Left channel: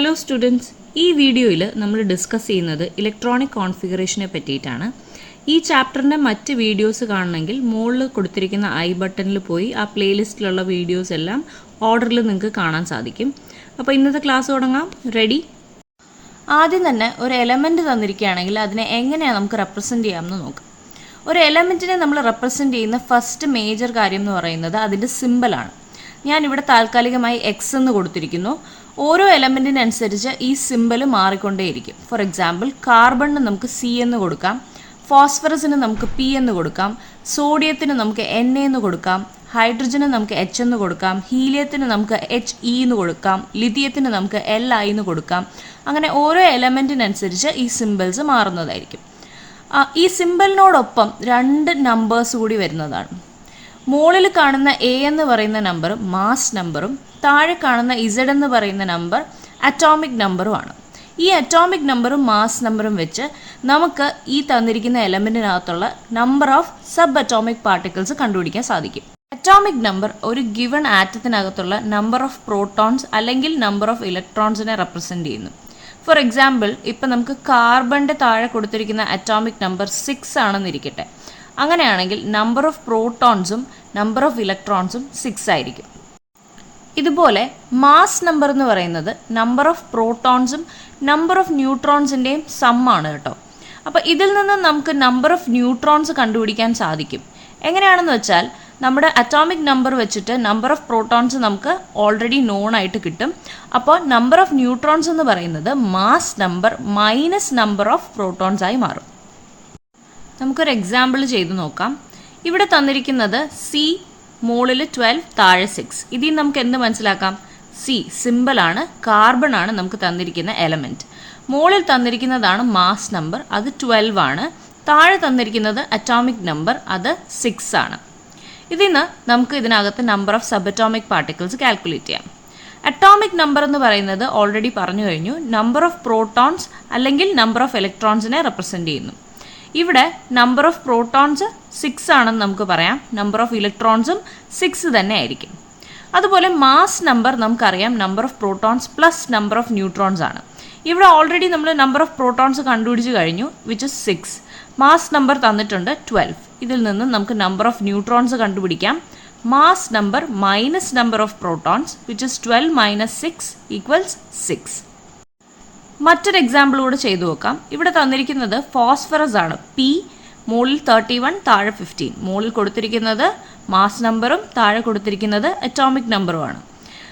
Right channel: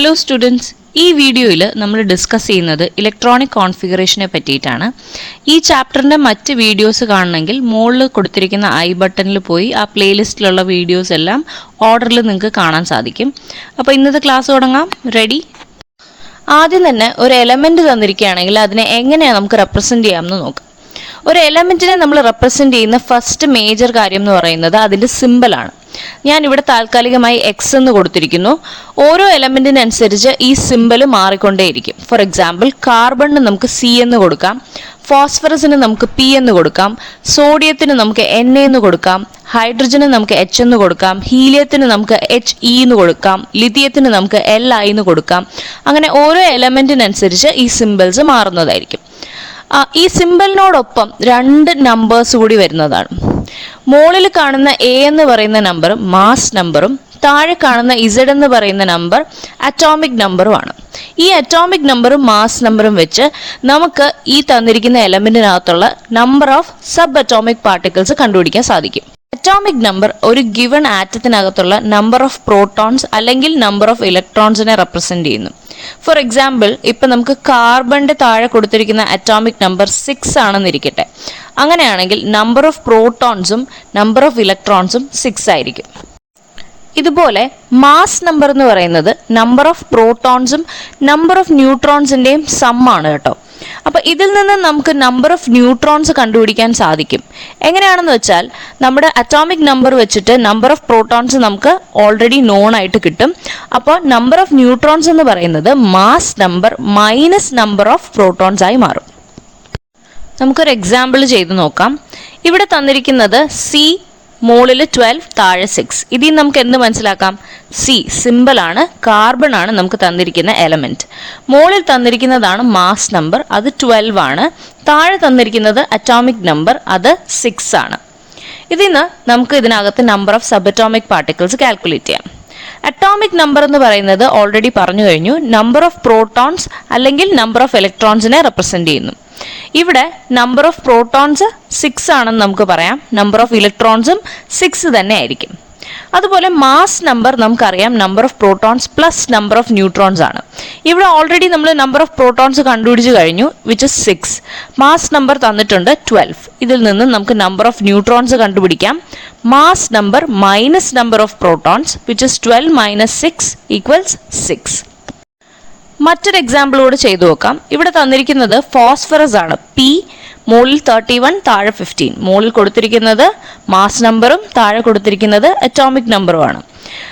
Hello students, ഈ വീഡിയോയിൽ നമ്മൾ ഡിസ്കസ് ചെയ്യുന്നത് ഇലക്ട്രോണിക് കോൺഫിഗറേഷനെ പറ്റിയിട്ടാണ്. ഈ ചാപ്റ്ററിൻ്റെ മറ്റ് വീഡിയോസ് കാണണമെങ്കിൽ മുകളിൽ കൊടുത്തിരിക്കുന്ന ഐ ബട്ടണിൽ പോയി ആ പ്ലേലിസ്റ്റിലുള്ള വീഡിയോസ് എല്ലാം ഓർഡറിൽ നിങ്ങൾക്ക് കാണാൻ സാധിക്കും. അപ്പോൾ ഇന്നത്തെ ക്ലാസ് തുടങ്ങാം. റെഡി? ആദ്യം തന്നെ ഒരു എലമെൻറ്റ് തന്നിരിക്കുകയാണെങ്കിൽ അതിനെ എങ്ങനെയാണ് നമുക്ക് റെപ്രസെൻറ്റ് ചെയ്യാമെന്ന് നോക്കാം. ഒരു എലമെൻറ്റിനെ നമ്മൾ റെപ്രസെൻറ്റ് ചെയ്യുന്ന ഫസ്റ്റ് മേജർ കാര്യം എന്ന് പറയുന്നത് അതിൻ്റെ സിമ്പിളാണ്. ഞാനിവിടെ താൽക്കാലികമായി എക്സ് എന്ന് കൊടുത്തിരിക്കുന്നു. ഓരോ എലമെൻറ്റിനനുസരിച്ച് ഈ സിമ്പിൾ മാറിക്കൊണ്ടേയിരിക്കും. ഫോർ എക്സാമ്പിൾ, കാർബണിന് നമുക്ക് സി എന്ന് കൊടുക്കാം, ഫോസ്ഫറസിന് നമുക്ക് പി എന്ന് കൊടുക്കാം, സോഡിയത്തിന് നമുക്ക് എൻ എന്ന് കൊടുക്കാം, ഹൈഡ്രജന് നമുക്ക് എച്ച് എന്ന് കൊടുക്കാം, ഹീലിയത്തിന് നമുക്ക് എച്ച് ഇ എന്ന് കൊടുക്കാം, ലിഥിയത്തിന് നമുക്ക് എൽ ഐ എന്ന് കൊടുക്കാം. അങ്ങനെ ഓരോ എലമെൻറ്റിനനുസരിച്ച് ഈ സിമ്പിൾസ് മാറുന്നതായിരിക്കും. ഈ സിമ്പിളിനോടൊപ്പം രണ്ട് നമ്പേഴ്സ് കൂടി വരുന്നതാണ്. മുകളിൽ കാണുന്ന എ എന്ന് പറയുന്ന നമ്പർ മാസ് നമ്പറും താഴെ കാണുന്ന ഇസഡ് എന്ന് പറയുന്ന നമ്പർ അറ്റോമിക് നമ്പറുമാണ്. ഈ അറ്റോമിക് നമ്പറും മാസ് നമ്പറും വെച്ച് നമുക്ക് ഈ തന്നിരിക്കുന്ന എലമെന്റിനകത്തുള്ള number of subatomic particles കണ്ടുപിടിക്കാൻ സാധിക്കും. അറ്റോമിക് നമ്പർ ഒരു ഗിവൺ ആറ്റത്തിനകത്തുള്ള നമ്പർ ഓഫ് പ്രോട്ടോൺസ് അല്ലെങ്കിൽ നമ്പർ ഓഫ് ഇലക്ട്രോൺസിനെ റെപ്രസെന്റ് ചെയ്യുന്നു. ഫോർ എക്സാമ്പിൾ, ഇപ്പം നമുക്ക് കാർബണിന്റെ താഴെ കൊടുത്തിരിക്കുന്ന അറ്റോമിക് നമ്പർ 6 ആണെന്നിരിക്കട്ടെ. അങ്ങനെയാണെങ്കിൽ നമ്പർ ഓഫ് പ്രോട്ടോൺസും നമ്പർ ഓഫ് ഇലക്ട്രോൺസും 6 ആയിരിക്കും. ഇതുപോലെ മാസ് നമ്പർ എന്ന് പറയുന്നത് നമ്പർ ഓഫ് പ്രോട്ടോൺസും നമ്പർ ഓഫ് ന്യൂട്രോൺസിന്റെയും സം ആണ് കേട്ടോ. അപ്പൊ ഇതിൽ നിന്ന് നമുക്ക് നമ്പർ ഓഫ് ന്യൂട്രോൺസ് കണ്ടുപിടിക്കാൻ സാധിക്കും. എങ്ങനെയാണെന്ന് വെച്ചാൽ, നമ്മുടെ അറ്റോമിക് നമ്പർ വെച്ചിട്ട് നമ്പർ ഓഫ് പ്രോട്ടോൺസ് നമുക്ക് ഓൾറെഡി നോൺ ആയിട്ട് കിട്ടും. അപ്പോൾ നമ്പർ ഓഫ് ന്യൂട്രോൺസ് എന്ന് പറയുന്നത് mass number minus number of protons ആയി മാറും. നമുക്കൊരു എക്സാമ്പിൾ ചെയ്ത് നോക്കാം. ഇവിടെ തന്നിരിക്കുന്നത് സി, മുകളിൽ 12, താഴെ 6. ഇതിൽ നമുക്ക് എന്ത് മനസ്സിലാക്കാം? സി സിമ്പിൾ ആണ്, കാർബൺ ആണ് നമുക്ക് തന്നിരിക്കുന്ന എലമെന്റ്. മുകളിൽ തന്നിരിക്കുന്നതാണ് മാസ് നമ്പർ, അത് 12 ആണ്. താഴെ തന്നിരിക്കുന്നത് അറ്റോമിക് നമ്പർ, അത് 6 ആണ്. ഇതിന്ന് നമുക്ക് ഇതിനകത്ത് number of subatomic particles calculate ചെയ്യാം. അറ്റോമിക് നമ്പർ എന്ന് പറയുന്നത് ഓൾറെഡി പറഞ്ഞു കഴിഞ്ഞു, നമ്പർ ഓഫ് പ്രോട്ടോൺസ് അല്ലെങ്കിൽ നമ്പർ ഓഫ് ഇലക്ട്രോൺസിനെ റെപ്രസെന്റ് ചെയ്യുന്നു. ഇവിടെ നമ്പർ ഓഫ് പ്രോട്ടോൺസ് 6 ആണെന്ന് നമുക്ക് പറയാം, നമ്പർ ഓഫ് ഇലക്ട്രോൺസും 6 തന്നെ ആയിരിക്കും. അതുപോലെ മാസ് നമ്പർ നമുക്കറിയാം, number of protons plus number of neutrons ആണ്. ഇവിടെ ഓൾറെഡി നമ്മൾ നമ്പർ ഓഫ് പ്രോട്ടോൺസ് കണ്ടുപിടിച്ച് കഴിഞ്ഞു, വിച്ച് ഇസ് 6. മാസ് നമ്പർ തന്നിട്ടുണ്ട് 12. ഇതിൽ നിന്ന് നമുക്ക് നമ്പർ ഓഫ് ന്യൂട്രോൺസ് കണ്ടുപിടിക്കാം. Mass number minus number of protons, which is 12 minus 6 equals 6. മറ്റൊരു എക്സാമ്പിളോട് ചെയ്തു നോക്കാം. ഇവിടെ തന്നിരിക്കുന്നത് ഫോസ്ഫറസ് ആണ്, പി, മുകളിൽ 31, താഴെ 15. മുകളിൽ കൊടുത്തിരിക്കുന്നത് മാസ് നമ്പറും താഴെ കൊടുത്തിരിക്കുന്നത് അറ്റോമിക് നമ്പറുമാണ്.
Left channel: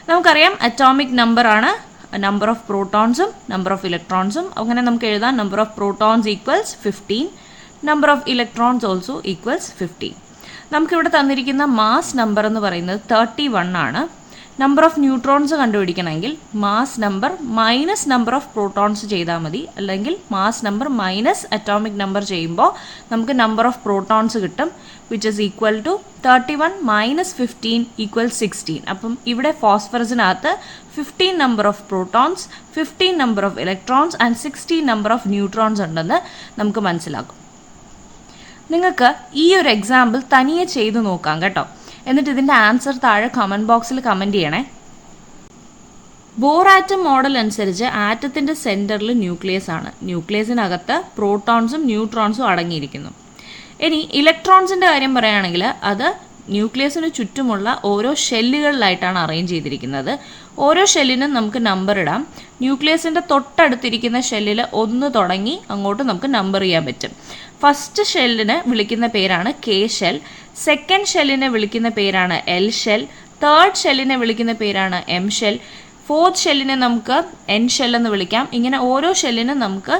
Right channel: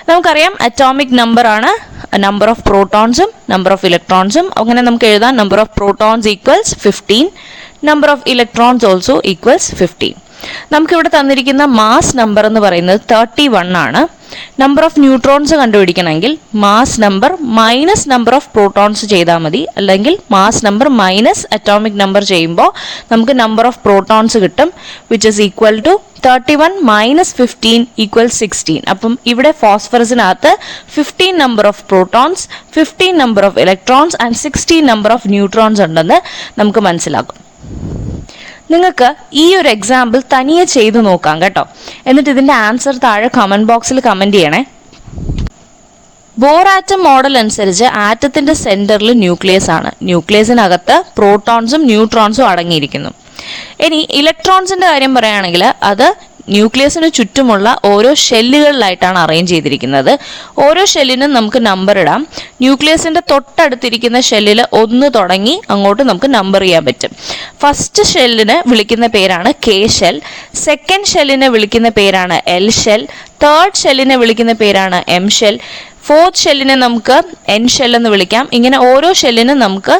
നമുക്കറിയാം അറ്റോമിക് നമ്പർ ആണ് നമ്പർ ഓഫ് പ്രോട്ടോൺസും നമ്പർ ഓഫ് ഇലക്ട്രോൺസും. അങ്ങനെ നമുക്ക് എഴുതാം number of protons equals 15, number of electrons also equals 15. നമുക്കിവിടെ തന്നിരിക്കുന്ന മാസ് നമ്പർ എന്ന് പറയുന്നത് 31 ആണ്. നമ്പർ ഓഫ് ന്യൂട്രോൺസ് കണ്ടുപിടിക്കണമെങ്കിൽ mass number minus number of protons ചെയ്താൽ മതി, അല്ലെങ്കിൽ mass number minus atomic number ചെയ്യുമ്പോൾ നമുക്ക് നമ്പർ ഓഫ് പ്രോട്ടോൺസ് കിട്ടും, which is equal to 31 minus 15 equal 16. അപ്പം ഇവിടെ ഫോസ്ഫറസിനകത്ത് 15 number of protons, 15 number of electrons and 16 number of neutrons ഉണ്ടെന്ന് നമുക്ക് മനസ്സിലാക്കും. നിങ്ങൾക്ക് ഈ ഒരു എക്സാമ്പിൾ തനിയെ ചെയ്തു നോക്കാം കേട്ടോ. എന്നിട്ട് ഇതിന്റെ ആൻസർ താഴെ കമന്റ് ബോക്സിൽ കമന്റ് ചെയ്യണേ. ബോർ ആറ്റം മോഡൽ അനുസരിച്ച് ആറ്റത്തിന്റെ സെന്ററിൽ ന്യൂക്ലിയസ് ആണ്. ന്യൂക്ലിയസിനകത്ത് പ്രോട്ടോൺസും ന്യൂട്രോൺസും അടങ്ങിയിരിക്കുന്നു. ഇനി ഇലക്ട്രോൺസിന്റെ കാര്യം പറയുകയാണെങ്കിൽ അത് ന്യൂക്ലിയസിന് ചുറ്റുമുള്ള ഓരോ ഷെല്ലുകളിലായിട്ടാണ് അറേഞ്ച് ചെയ്തിരിക്കുന്നത്. ഓരോ ഷെല്ലിനും നമുക്ക് നമ്പർ ഇടാം. ന്യൂക്ലിയസിന്റെ തൊട്ടടുത്തിരിക്കുന്ന ഷെല്ലിൽ 1 തുടങ്ങി അങ്ങോട്ട് നമുക്ക് നമ്പർ ചെയ്യാൻ പറ്റും. ഫസ്റ്റ് ഷെല്ലിന് വിളിക്കുന്ന പേരാണ് കെ ഷെൽ, സെക്കൻഡ് ഷെല്ലിനെ വിളിക്കുന്ന പേരാണ് എൽ ഷെൽ, തേർഡ് ഷെല്ലിനെ വിളിക്കുന്ന പേരാണ് എം ഷെൽ, ഫോർത്ത് ഷെല്ലിനെ നമുക്ക് എൻ ഷെൽ എന്ന് വിളിക്കാം. ഇങ്ങനെ ഓരോ ഷെല്ലിനും നമുക്ക്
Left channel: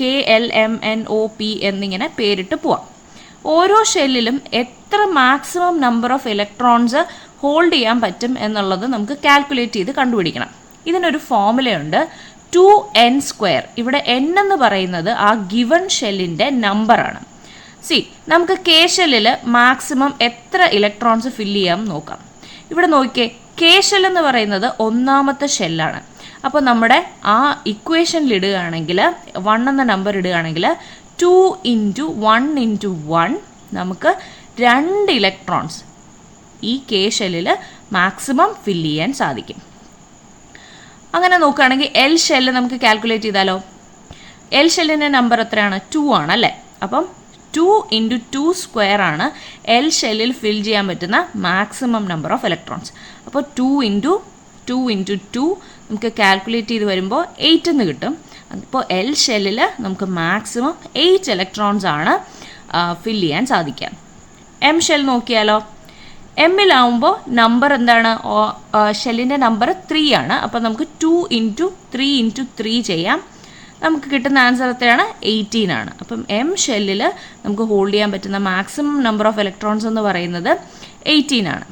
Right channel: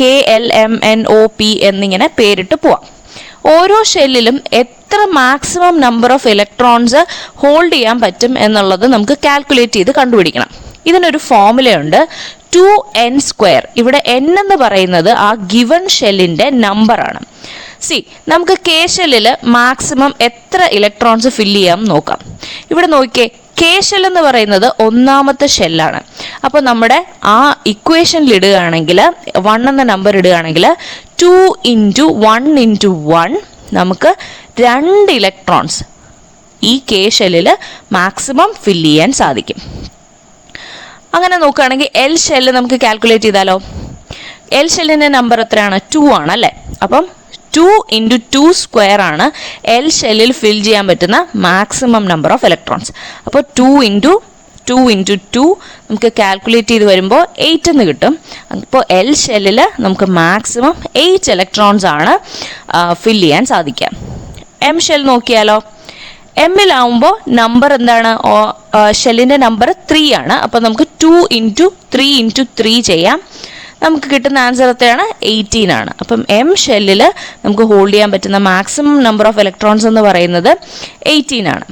K L M N O P എന്നിങ്ങനെ പേരിട്ട് പോവാം. ഓരോ ഷെല്ലിലും എത്ര maximum number of electrons hold ചെയ്യാൻ പറ്റും എന്നുള്ളത് നമുക്ക് കാൽക്കുലേറ്റ് ചെയ്ത് കണ്ടുപിടിക്കണം. ഇതിനൊരു ഫോർമുലയുണ്ട്, 2n². ഇവിടെ n എന്ന് പറയുന്നത് ആ ഗിവൺ ഷെല്ലിന്റെ നമ്പറാണ്. നമുക്ക് കെ ഷെല്ലിൽ മാക്സിമം എത്ര ഇലക്ട്രോൺസ് ഫില്ല് ചെയ്യാം നോക്കാം. ഇവിടെ നോക്കിയേ, കെ ഷെൽ എന്ന് പറയുന്നത് 1ാമത്തെ ഷെല്ലാണ്. അപ്പോൾ നമ്മുടെ ആ ഇക്വേഷനിൽ ഇടുകയാണെങ്കിൽ 1 എന്ന നമ്പർ ഇടുകയാണെങ്കിൽ 2 × 1 × 1 നമുക്ക് 2 ഇലക്ട്രോൺസ് ഈ കെ ഷെല്ലിൽ മാക്സിമം ഫില്ല് ചെയ്യാൻ സാധിക്കും. അങ്ങനെ നോക്കുകയാണെങ്കിൽ എൽ ഷെല്ല് നമുക്ക് കാൽക്കുലേറ്റ് ചെയ്താലോ. എൽ ഷെല്ലിൻ്റെ നമ്പർ എത്രയാണ്? 2 ആണ് അല്ലേ. അപ്പം 2 × 2 സ്ക്വയർ ആണ് എൽ ഷെല്ലിൽ ഫിൽ ചെയ്യാൻ പറ്റുന്ന മാക്സിമം നമ്പർ ഓഫ് ഇലക്ട്രോൺസ്. അപ്പോൾ 2 × 2 നമുക്ക് കാൽക്കുലേറ്റ് ചെയ്ത് വരുമ്പോൾ 8 എന്ന് കിട്ടും. അപ്പോൾ എൽ ഷെല്ലിൽ നമുക്ക് മാക്സിമം 8 ഇലക്ട്രോൺസ് ആണ് ഫിൽ ചെയ്യാൻ സാധിക്കുക. എം ഷെൽ നോക്കിയാലോ. എമ്മിലാവുമ്പോൾ നമ്പർ എന്താണ്? ഷെല്ലിൻ്റെ നമ്പർ 3 ആണ്. അപ്പോൾ നമുക്ക് 2 × 3 × 3 ചെയ്യാം. നമുക്ക് കിട്ടുന്ന ആൻസർ എത്രയാണ്? 18 ആണ്. അപ്പം എം ഷെല്ലിൽ നമുക്ക് ഹോൾഡ് ചെയ്യാൻ പറ്റുന്ന മാക്സിമം നമ്പർ ഓഫ് ഇലക്ട്രോൺസ് എന്ന് പറയുന്നത് 18 ആണ്.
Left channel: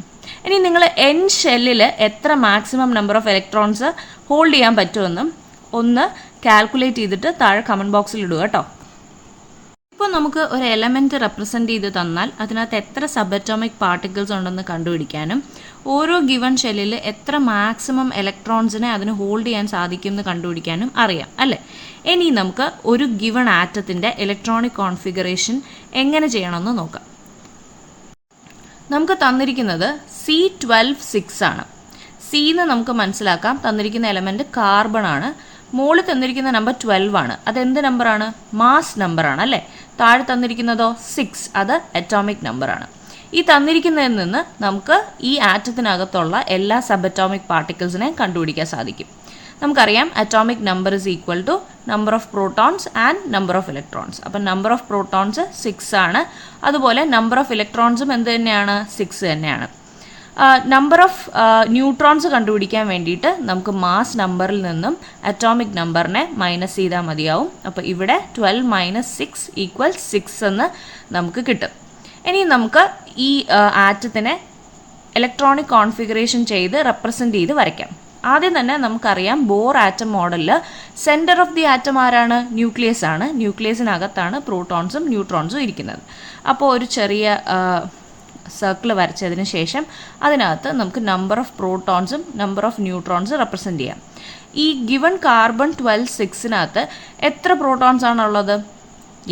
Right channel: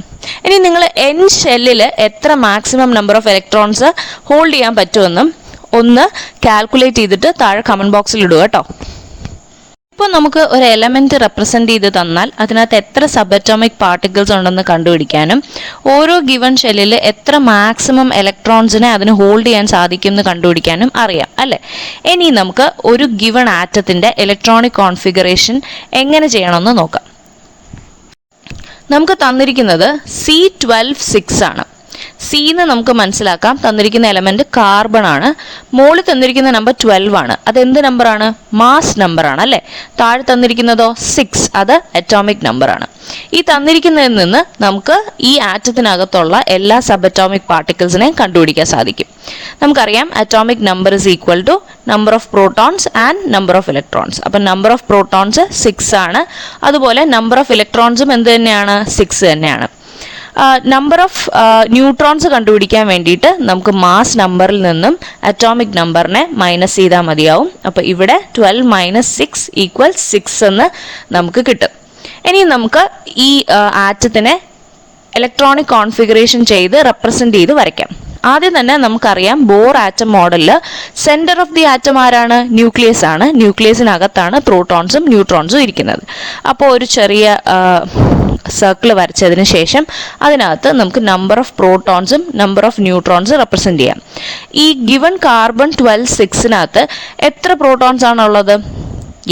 ഇനി നിങ്ങൾ എൻ ഷെല്ലിൽ എത്ര maximum number of electrons hold ചെയ്യാൻ പറ്റുമെന്നും ഒന്ന് കാൽക്കുലേറ്റ് ചെയ്തിട്ട് താഴെ കമൻറ്റ് ബോക്സിൽ ഇടുക കേട്ടോ. ഇപ്പോൾ നമുക്ക് ഒരു എലമെൻറ്റ് റെപ്രസെൻറ്റ് ചെയ്ത് തന്നാൽ അതിനകത്ത് എത്ര സബ് അറ്റോമിക് പാർട്ടിക്കിൾസ് ഉണ്ടെന്ന് കണ്ടുപിടിക്കാനും ഓരോ ഗിവൺ ഷെല്ലിൽ എത്ര മാക്സിമം ഇലക്ട്രോൺസിനെ അതിന് ഹോൾഡ് ചെയ്യാൻ സാധിക്കും എന്ന് കണ്ടുപിടിക്കാനും അറിയാം അല്ലേ. ഇനി നമുക്ക് ഒരു ഗിവൺ ആറ്റത്തിൻ്റെ ഇലക്ട്രോണിക് കോൺഫിഗറേഷൻ എങ്ങനെ ചെയ്യണമെന്ന് നോക്കാം. നമുക്ക് തന്നിരിക്കുന്നത് C12 ആണ്. സി എന്ന് നമുക്ക് മനസ്സിലാക്കാം. തന്നിരിക്കുന്ന എലമെന്റ് കാർബൺ ആണ്. മുകളിൽ തന്നിരിക്കുന്ന നമ്പർ 12 ആണ്. അതെന്ത് നമ്പറാണ്? മാസ് നമ്പറാണ് അല്ലേ. താഴെ തന്നിരിക്കുന്നതോ 6, അത് അറ്റോമിക് നമ്പറാണ്. ഈ തന്നിരിക്കുന്നതിൽ നിന്ന് നമുക്ക് ഈ ആറ്റത്തിനകത്തുള്ള എല്ലാ സബ് അറ്റോമിക് പാർട്ടിക്കിൾസിനെയും കണ്ടുപിടിക്കാൻ സാധിക്കും. നമുക്കറിയാം atomic number is equal to number of protons and number of electrons. അപ്പം നമ്പർ ഓഫ് പ്രോട്ടോൺസ് 6 ആണ്. അതുപോലെ നമ്പർ ഓഫ് ഇലക്ട്രോൺസും എന്ത് തന്നെയാണ്? 6 തന്നെയാണ്. നമ്പർ ഓഫ് ന്യൂട്രോൺസ് കണ്ടുപിടിക്കാൻ വേണ്ടിയിട്ട് നമുക്ക് മാസ് നമ്പറിൽ നിന്നും അറ്റോമിക് നമ്പറിനെ മൈനസ് ചെയ്താൽ മതിയാവും. അപ്പോൾ ഇവിടെ 12 - 6 = 6 എന്ന് നമുക്ക് കിട്ടും. ഇനി നമുക്ക് ഈ ആറ്റത്തിനെ ഇലക്ട്രോണിക് കോൺഫിഗറേഷൻ ചെയ്ത് റെപ്രസെന്റ് ചെയ്ത് വരയ്ക്കാം. ആദ്യം തന്നെ നമുക്കറിയാം ബോർ ആറ്റം മോഡലിൽ സെന്റർ ഓഫ് ദി ആറ്റം ആരാണ്? ന്യൂക്ലിയസ് ആണ്. ന്യൂക്ലിയസിനകത്താണ് പ്രോട്ടോൺസും ന്യൂട്രോൺസും ഇരിക്കുന്നത്. അപ്പോൾ ഒരു ചെറിയ സർക്കിൾ വരച്ചതിന് ശേഷം അതിനകത്ത് നമുക്ക് നമ്പർ ഓഫ് പ്രോട്ടോൺസും നമ്പർ ഓഫ് ന്യൂട്രോൺസ് റെപ്രസെന്റ് ചെയ്യാം. ഈ ഗിവൺ കാർബൺ 12 എത്ര പ്രോട്ടോൺസ് ആണുള്ളത്?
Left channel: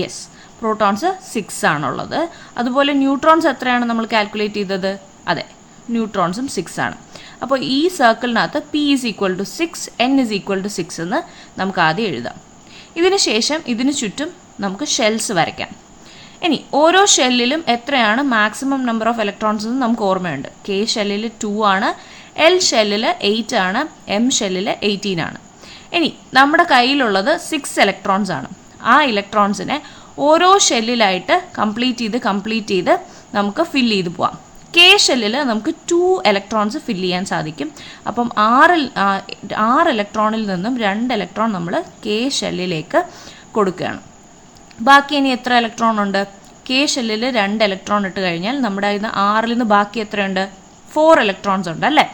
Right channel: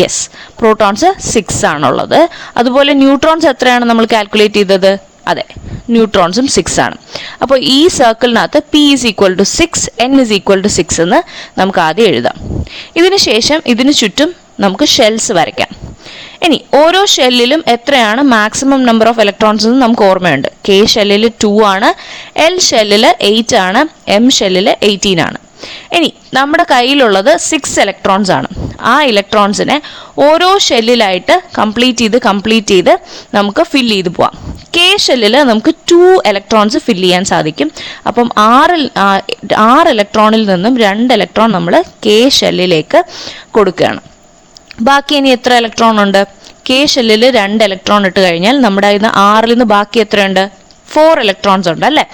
യെസ്, പ്രോട്ടോൺസ് 6 ആണുള്ളത്. അതുപോലെ ന്യൂട്രോൺസ് എത്രയാണ് നമ്മൾ കാൽക്കുലേറ്റ് ചെയ്തത്? അതെ, ന്യൂട്രോൺസും 6 ആണ്. അപ്പോൾ ഈ സർക്കിളിനകത്ത് P = 6, N = 6 എന്ന് നമുക്ക് ആദ്യം എഴുതാം. ഇതിന് ശേഷം ഇതിന് ചുറ്റും നമുക്ക് ഷെൽസ് വരയ്ക്കാം. ഇനി ഓരോ ഷെല്ലിലും എത്രയാണ് മാക്സിമം നമ്പർ ഓഫ് ഇലക്ട്രോൺസ് എന്ന് നമുക്ക് ഓർമ്മയുണ്ട്. K ഷെല്ലിൽ 2 ആണ്, L ഷെല്ലിൽ 8 ആണ്, M ഷെല്ലിൽ 18 ആണ്. ഇനി നമ്മുടെ കയ്യിലുള്ളത് 6 ഇലക്ട്രോൺസ് ആണ്. ആ ഇലക്ട്രോൺസിനെ ഓരോ ഷെല്ലിലായിട്ട് കംപ്ലീറ്റ് ചെയ്ത് നമുക്ക് ഫില്ല് ചെയ്ത് പോവാം. K ഷെല്ലിൽ നമുക്ക് 2 ഇലക്ട്രോൺസ് ഫില്ല് ചെയ്യാൻ സാധിക്കും. അപ്പം 6 ഇലക്ട്രോണിൽ നിന്നും 2 ഇലക്ട്രോൺ നമ്മൾ K ഷെല്ലിലേക്ക് കൊടുക്കുകയാണ്. ബാക്കി ഇനി എത്ര ഇലക്ട്രോൺ ഉണ്ട്? K ഷെല്ലിൽ 2 ഇലക്ട്രോൺ ഇട്ട് കഴിഞ്ഞാൽ നമ്മുടെ 6 നിന്ന് ബാക്കി എത്രയുണ്ട്? 4 ഇലക്ട്രോൺസ് ഉണ്ട് അല്ലേ.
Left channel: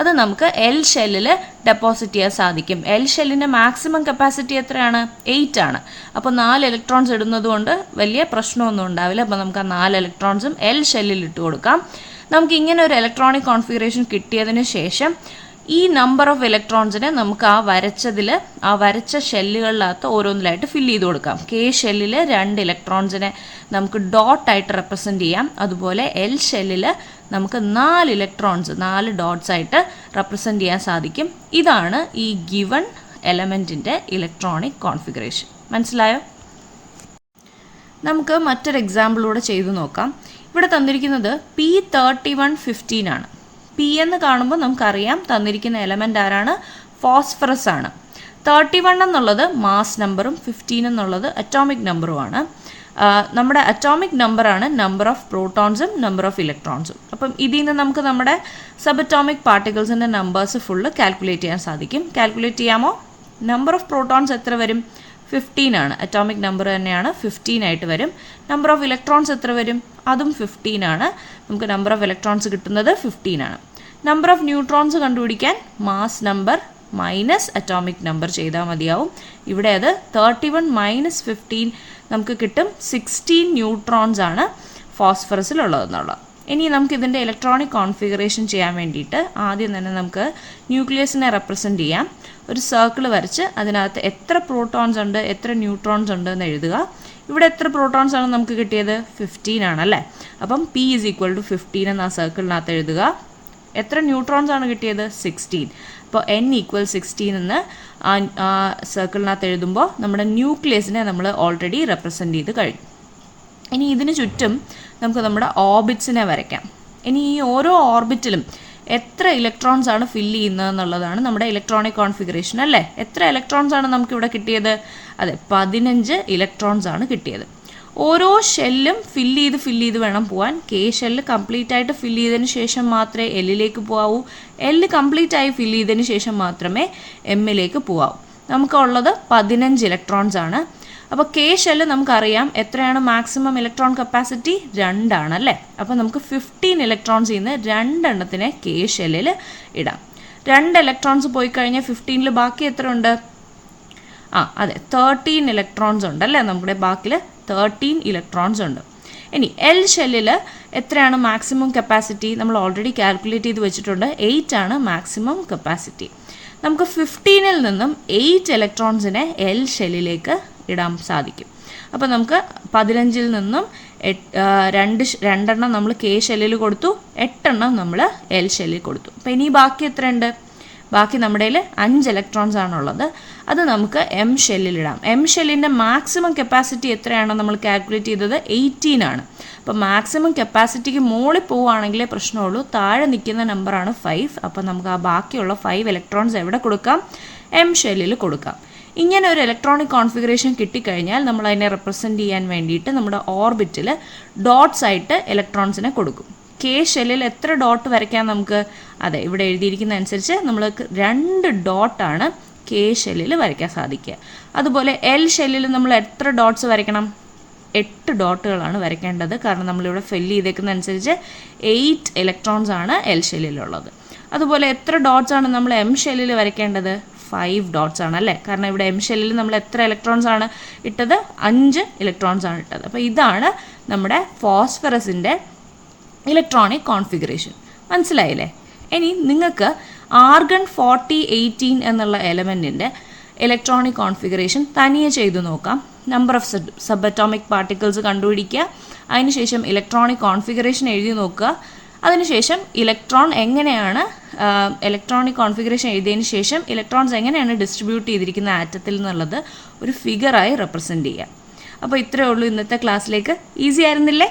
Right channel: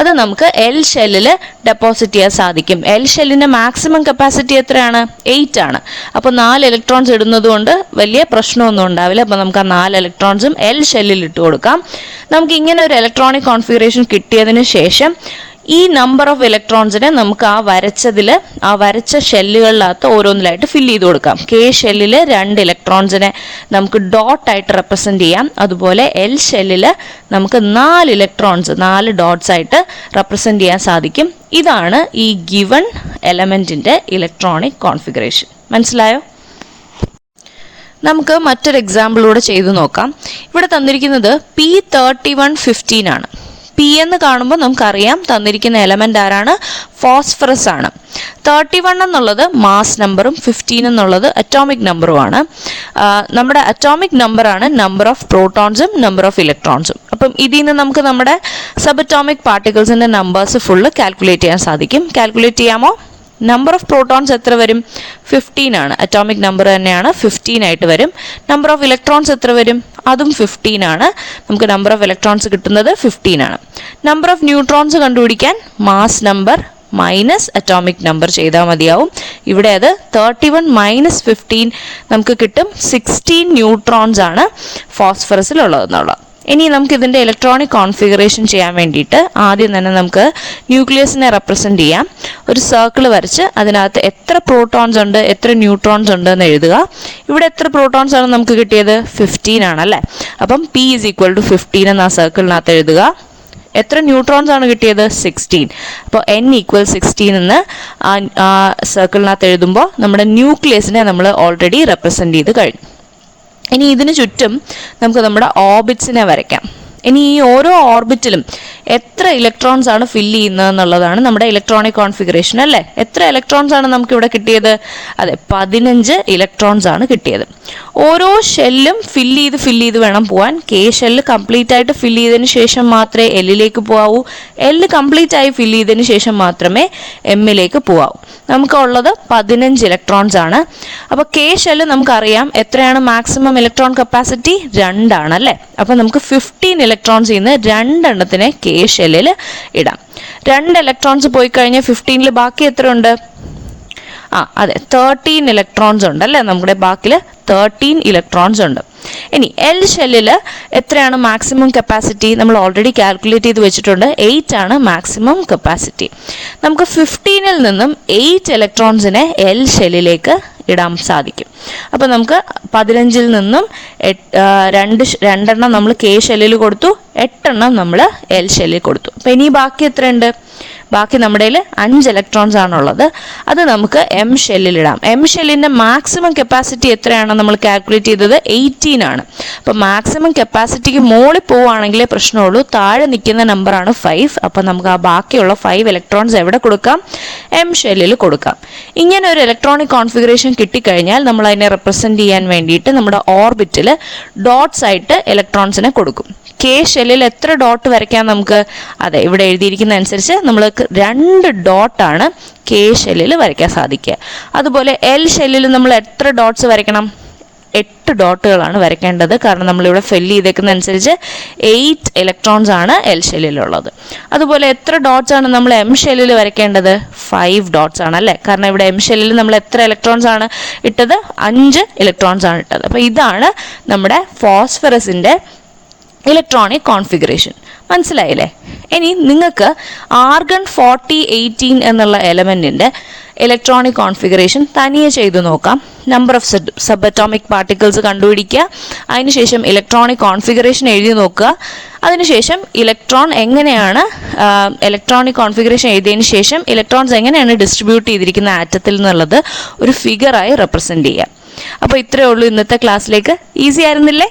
അത് നമുക്ക് എൽ ഷെല്ലിൽ ഡെപ്പോസിറ്റ് ചെയ്യാൻ സാധിക്കും. എൽ ഷെല്ലിന്റെ മാക്സിമം കപ്പാസിറ്റി എത്രയാണ്? 8 ആണ്. അപ്പോൾ 4 ഇലക്ട്രോൺസ് ഇടുന്നത് കൊണ്ട് വലിയ പ്രശ്നമൊന്നും ഉണ്ടാവില്ല. അപ്പോൾ നമുക്ക് ആ 4 ഇലക്ട്രോൺസും എൽ ഷെല്ലിൽ ഇട്ട് കൊടുക്കാം. നമുക്ക് ഇങ്ങനെ ഒരു ഇലക്ട്രോണിക് കോൺഫിഗറേഷൻ കിട്ടിയതിന് ശേഷം ഈ നമ്പർ ഓഫ് ഇലക്ട്രോൺസിനെ നമുക്ക് ആ വരച്ച ഷെല്ലുകളിനകത്ത് ഓരോന്നിലായിട്ട് ഫില്ല് ചെയ്ത് കൊടുക്കാം. K ഷെല്ലിൽ 2 ഇലക്ട്രോൺസിനെ നമുക്ക് ഡോട്ടായിട്ട് റെപ്രസെന്റ് ചെയ്യാം. അതുപോലെ എൽ ഷെല്ലിൽ നമുക്ക് 4 ഇലക്ട്രോൺസ് 4 ഡോട്ട്സ് ആയിട്ട് റെപ്രസെന്റ് ചെയ്യാൻ സാധിക്കും. ഇതാണ് ഈ ഗിവൺ എലമെന്റിന്റെ ഇലക്ട്രോണിക് കോൺഫിഗറേഷൻ. മനസ്സിലായോ? നമുക്ക് മറ്റൊരു എക്സാമ്പിളൂടെ ചെയ്തു നോക്കാം. ഇവിടെ തന്നിരിക്കുന്നത് P3115 ആണ്. P എന്ന് കാണുമ്പോൾ നമുക്കറിയാം തന്നിരിക്കുന്ന എലമെന്റ് ആരാണ്? ഫോസ്ഫറസ് ആണ്. 31 എന്നുള്ളത് മാസ് നമ്പറും 15 എന്നുള്ളത് അറ്റോമിക് നമ്പറുമാണ്. നമ്മുടെ അറ്റോമിക് നമ്പറാണ് നമ്പർ ഓഫ് പ്രോട്ടോൺസും നമ്പർ ഓഫ് ഇലക്ട്രോൺസും. അപ്പം ഇതിൽ നിന്ന് നമുക്ക് നമ്മുടെ സബ് അറ്റോമിക് പാർട്ടിക്കിൾസിന്റെ നമ്പേഴ്സ് ഫുള്ള് കാൽക്കുലേറ്റ് ചെയ്യാൻ സാധിക്കും. കാൽക്കുലേറ്റ് ചെയ്യാമോ? നമ്പർ ഓഫ് പ്രോട്ടോൺസ് എത്ര വരും? 15 ആണ്. അറ്റോമിക് നമ്പർ തന്നെയാണ്, 15 ആയിട്ട് വരും. നമ്പർ ഓഫ് ഇലക്ട്രോൺസ് എത്ര വരും? അതും 15 ആണ്. നമുക്ക് നമ്പർ ഓഫ് ഇലക്ട്രോൺസ് കിട്ടുന്നത് 15 ആണ്. നമ്പർ ഓഫ് ന്യൂട്രോൺസ് കണ്ടുപിടിക്കാൻ mass number minus atomic number ചെയ്താൽ മതിയാവും. ഇവിടെ അത് 31 - 15 നമുക്ക് കിട്ടും. 16 ന്യൂട്രോൺസ് ആണ് ഫോസ്ഫറസിൽ ഉള്ളതെന്നുള്ളത്. ഇനി നമുക്ക് ഇതിൻ്റെ ഇലക്ട്രോണിക് കോൺഫിഗറേഷൻ ചെയ്യാൻ വേണ്ടിയിട്ട് ആദ്യം തന്നെ നമുക്ക് ന്യൂക്ലിയസിനെ റെപ്രസെന്റ് ചെയ്യാം. ഒരു സർക്കിൾ വരച്ച് അതിനകത്ത് എത്ര പ്രോട്ടോൺസ് ഉണ്ട് എത്ര ന്യൂട്രോൺസ് ഉണ്ട് എന്ന് എഴുതുക. ഇവിടെ എത്ര പ്രോട്ടോൺസ് ആണ് നമുക്ക് കിട്ടിയത്? 15 ആണല്ലേ. അപ്പം P = 15 എന്ന് ആ സർക്കിളിനകത്ത് എഴുതുക. എത്ര ന്യൂട്രോൺസ് ആണ് കിട്ടിയത്? 16. അപ്പോൾ n = 16 എന്ന് സർക്കിളിനകത്ത് എഴുതുമ്പോൾ നമ്മുടെ ന്യൂക്ലിയസിനെ നമ്മൾ ഓൾറെഡി റെപ്രസെൻ്റ് ചെയ്ത് കഴിഞ്ഞു. ഇനി ഇതിന് ചുറ്റും നമുക്ക് നമ്മുടെ ഓർബിറ്റ്സിനെ വരയ്ക്കാം. ഇനി ഈ ഓരോ ഓർബിറ്റിലും എത്ര ഇലക്ട്രോൺസ് ആണ് ഫില്ല് ചെയ്യുന്നത് എന്നുള്ളതാണ് നമ്മുടെ ഇലക്ട്രോണിക് കോൺഫിഗറേഷൻ അല്ലേ. എത്ര ഇലക്ട്രോൺസ് ആണ് നമുക്ക് ഇവിടെ കിട്ടിയത്? അതെ, 15 ഇലക്ട്രോൺസ് ആണ് കിട്ടിയത്. ഓരോ ഷെല്ലും ഫില്ല് ചെയ്ത് വേണം പോകാൻ. കെ ഷെല്ല് കംപ്ലീറ്റ് ആയിട്ട് ഫില്ല് ചെയ്തതിന് ശേഷം മാത്രമേ എല്ലിലേക്ക് പോകാവൂ. എല്ല് കംപ്ലീറ്റ് ആയി ഫില്ല് ചെയ്തതിന് ശേഷം മാത്രമേ എമ്മിലേക്ക് പോകാവൂ. നമുക്കുള്ളത് 15 ഇലക്ട്രോൺസ് ആണ്. അപ്പോൾ കെ ഷെല്ല് നമുക്കറിയാം എത്രയാണ് മാക്സിമം ഇലക്ട്രോൺ കപ്പാസിറ്റി? 2 ആണ് അല്ലേ. അപ്പോൾ നമുക്ക് 15 ഇലക്ട്രോൺസ് ഇന്ന് 2 എണ്ണത്തിനെ കെ ഷെല്ലിൽ ഇടാം. 2 ഇലക്ട്രോൺസ് പോയി കഴിഞ്ഞാൽ 15 ബാക്കി എത്ര ഉണ്ട്? അതെ, 13 ഇലക്ട്രോൺസ് ഉണ്ട് അല്ലേ. നമ്മുടെ ബാക്കിൽ 13 ഇലക്ട്രോൺസ് ഉണ്ട്. ഇനി എൽ ഷെല്ലിൽ എത്രയാണ് മാക്സിമം കപ്പാസിറ്റി? നമ്മൾ ഓൾറെഡി കാൽക്കുലേറ്റ് ചെയ്ത് വെച്ചിട്ടുണ്ട്. 8 ആണ് മാക്സിമം കപ്പാസിറ്റി. നമുക്ക് 15-ൽ നിന്നും 8 ഇലക്ട്രോൺസിനെ എൽ ഷെല്ലിലേക്ക് ഇടാൻ സാധിക്കും. അപ്പോൾ നമുക്ക് 15-ൽ നിന്നും 2 എണ്ണം നമ്മൾ കെ ഷെല്ലിൽ കൊടുത്തു, 8 എണ്ണം നമ്മൾ എൽ ഷെല്ലിൽ കൊടുത്തു. അപ്പോൾ ഇനി ബാക്കി എത്രയുണ്ട്? ബാക്കി നമ്മുടെ 5 ഇലക്ട്രോൺസ് ആണുള്ളത്. അത് നമുക്ക് എം ഷെല്ലിലിടാം. എം ഷെല്ലിൻ്റെ മാക്സിമം കപ്പാസിറ്റി എത്രയാണ് നമ്മൾ കാൽക്കുലേറ്റ് ചെയ്തത്? 18 ആണ്. അപ്പോൾ മാക്സിമം കപ്പാസിറ്റിക്ക് മുകളിൽ പോവുകയാണെങ്കിലേ പ്രശ്നമുള്ളൂ. താഴെ നിൽക്കുന്ന നമ്പറാണ് 5. അപ്പോൾ നമുക്ക് ആ ബാക്കിയുള്ള 5 ഇലക്ട്രോൺസ് എവിടെ കൊടുക്കാം? എം ഷെല്ലിൽ കൊടുക്കാം. ഇങ്ങനെ ഒരു ഇലക്ട്രോണിക് കോൺഫിഗറേഷൻ കിട്ടിക്കഴിഞ്ഞാൽ നമ്മൾ അതിനെ റെപ്രസെൻറ്റ് ചെയ്യാൻ വേണ്ടിയിട്ട് നമ്മുടെ ഓർബിറ്റിൽ ഡോട്ട്സ് ആയിട്ട് ഇലക്ട്രോൺസിനെ കൊടുക്കും. കെ ഷെല്ലിൽ എത്ര ഡോട്ട് വരയ്ക്കാം നമുക്ക്? അതെ, ഇവിടെ എഴുതിയിരിക്കുന്ന അനുസരിച്ച് നമ്മൾക്ക് 2 ഡോട്ടാണ് കെ ഷെല്ലിൽ വരയ്ക്കാൻ സാധിക്കുക. അതുപോലെ എൽ ഷെല്ലിൽ നമ്മൾ എത്ര ഡോട്ട്സ് വരയ്ക്കണം? 8 ഡോട്ടുകളാണ് വരയ്ക്കേണ്ടത്. കാരണം നമ്മളിവിടെ ഫില്ല് ചെയ്തേക്കുന്ന അനുസരിച്ച് 8 ഇലക്ട്രോൺസ് ആണ് എൽ ഷെല്ലിലുള്ളത്. അതുപോലെ എത്ര ഡോട്ട്സ് ആണ് നമ്മൾ എം ഷെല്ലിൽ വരയ്ക്കേണ്ടത്? 5 ഡോട്ട്സ് ആണ് അല്ലേ. കാരണം ഇവിടെ എം ഷെല്ലിൽ നമ്മൾ എത്ര ഇലക്ട്രോൺസ് ആണ് ഇട്ടത്? 5 ഇലക്ട്രോൺസ് ആണ് ഇട്ടത്. അപ്പോൾ ഇതാണ് നമ്മുടെ ഫോസ്ഫറസിൻ്റെ ഇലക്ട്രോണിക് കോൺഫിഗറേഷൻ. മനസ്സിലായില്ലേ? ഇനി നിങ്ങൾക്ക് ആർഗൺ 4018 എന്നുള്ള എലമെൻറ്റിൻ്റെ ഇലക്ട്രോണിക് കോൺഫിഗറേഷൻ തനിയെ ചെയ്തു നോക്കാം. Number of subatomic particles കണ്ടുപിടിക്കുക. അതിനുശേഷം ഇലക്ട്രോണിക് കോൺഫിഗറേഷൻ എഴുതി നോക്കുക. അതിനുശേഷം ഇലക്ട്രോണിക് കോൺഫിഗറേഷൻ എഴുതിയതിന് ശേഷം ഇലക്ട്രോൺസ് എങ്ങനെയാണ് ഡിസ്ട്രിബ്യൂട്ട് ചെയ്തിരിക്കുന്ന ആറ്റത്തിൽ എന്നുള്ളത് ഒരു ഫിഗറായി റെപ്രസെൻറ്റ് ചെയ്യുക. അപ്പോൾ ഇത്രയേ ഉള്ളൂ ഇന്നത്തെ ക്ലാസ്സിലേക്ക്. ഈസി ആയിരുന്നില്ലേ?